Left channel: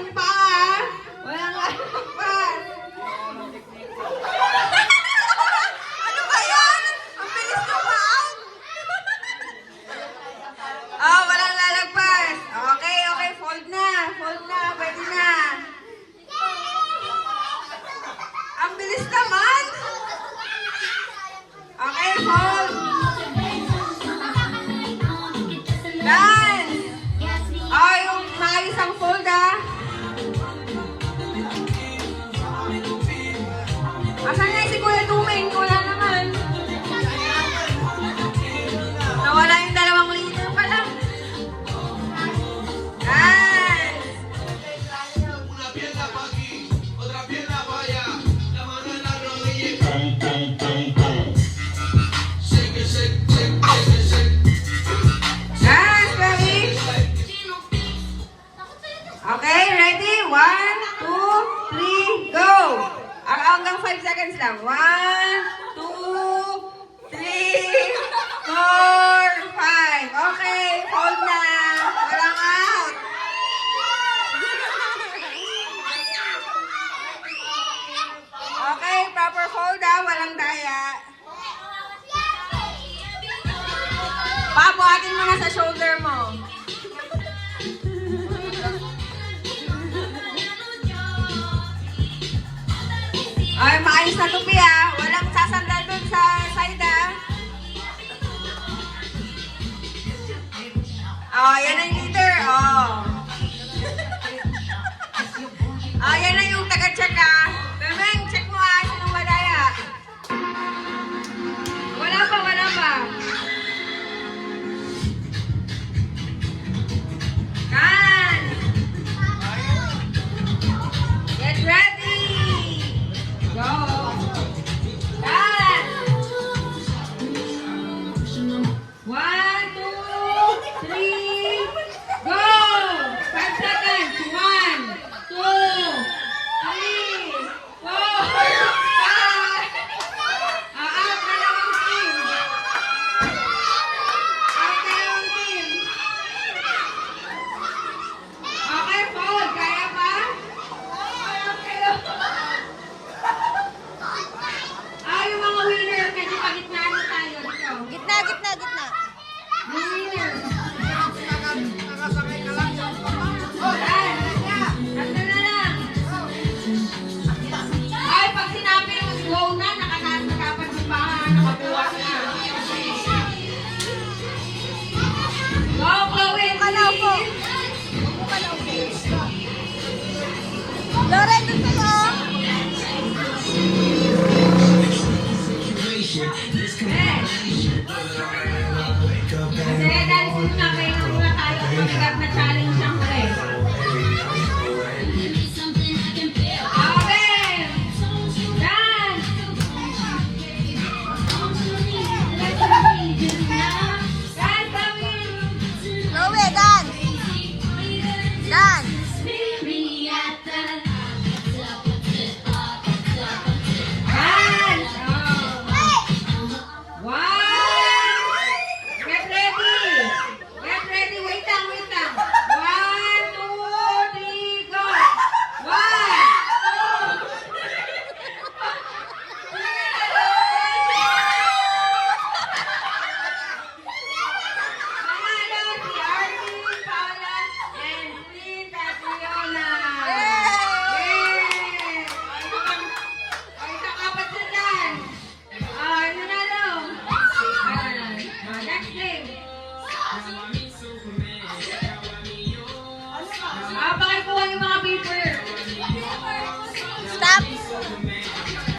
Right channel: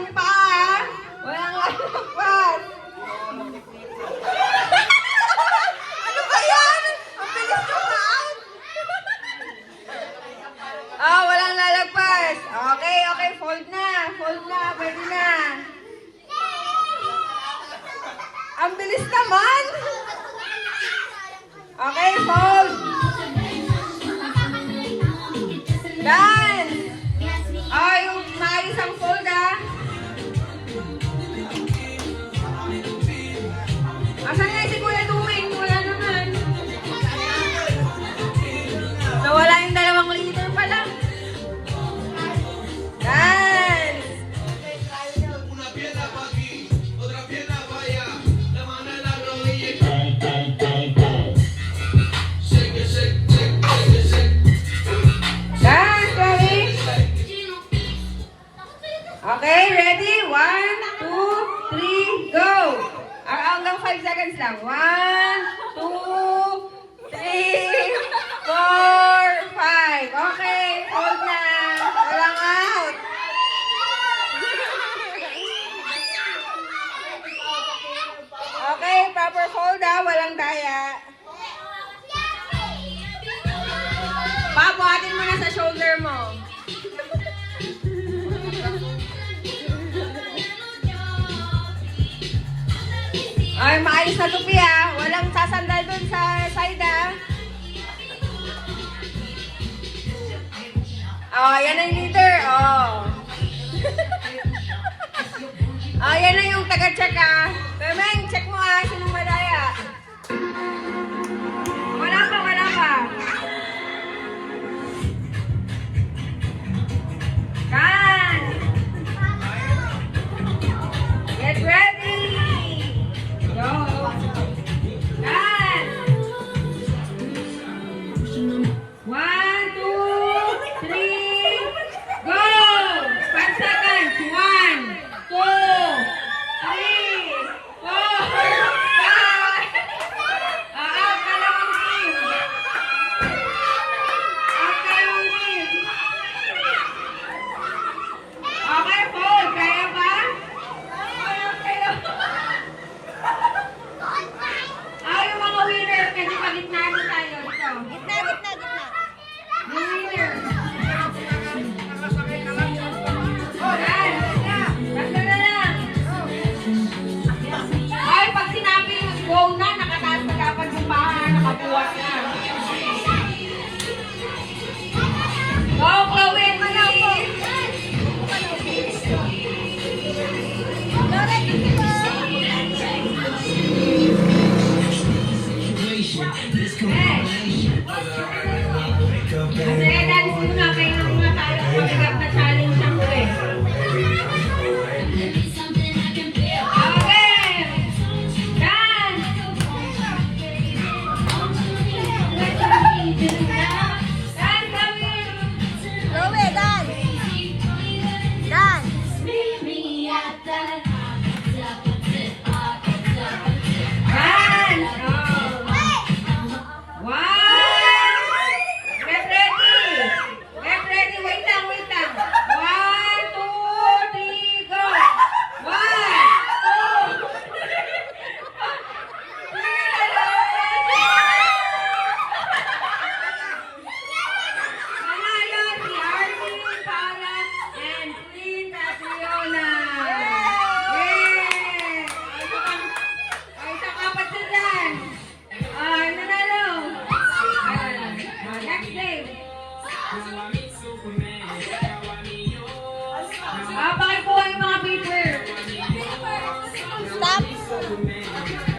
ang paa. Walang lalagpas. Ano ba yan? Ang bilis ka pa out. Oh, walang lalagpas. Okay, okay. Fold na. Fold na. Pwede na. Ang bilis naman. Okay, fold. Done. Oh, yung maayos ang fold, ah. Asan nga si Kuya Tuming? Wala naman. Nawala yung 2 liter pa lang. Done. Done, Chloe. Okay, ready? 1, 2, 3, go! Hanggang 5 seconds lang. 1, 2, 3, 4, 5. Okay, hold na. Walang out. Okay, proper hold ha. Walang daya. Pabuhatin mo na sa shoulder mo. Ay, maayos na tupi ah. Walang sasandal dun sa side ah. Oh, yan na yung leader. Oh. Oh, yan na yung taga-check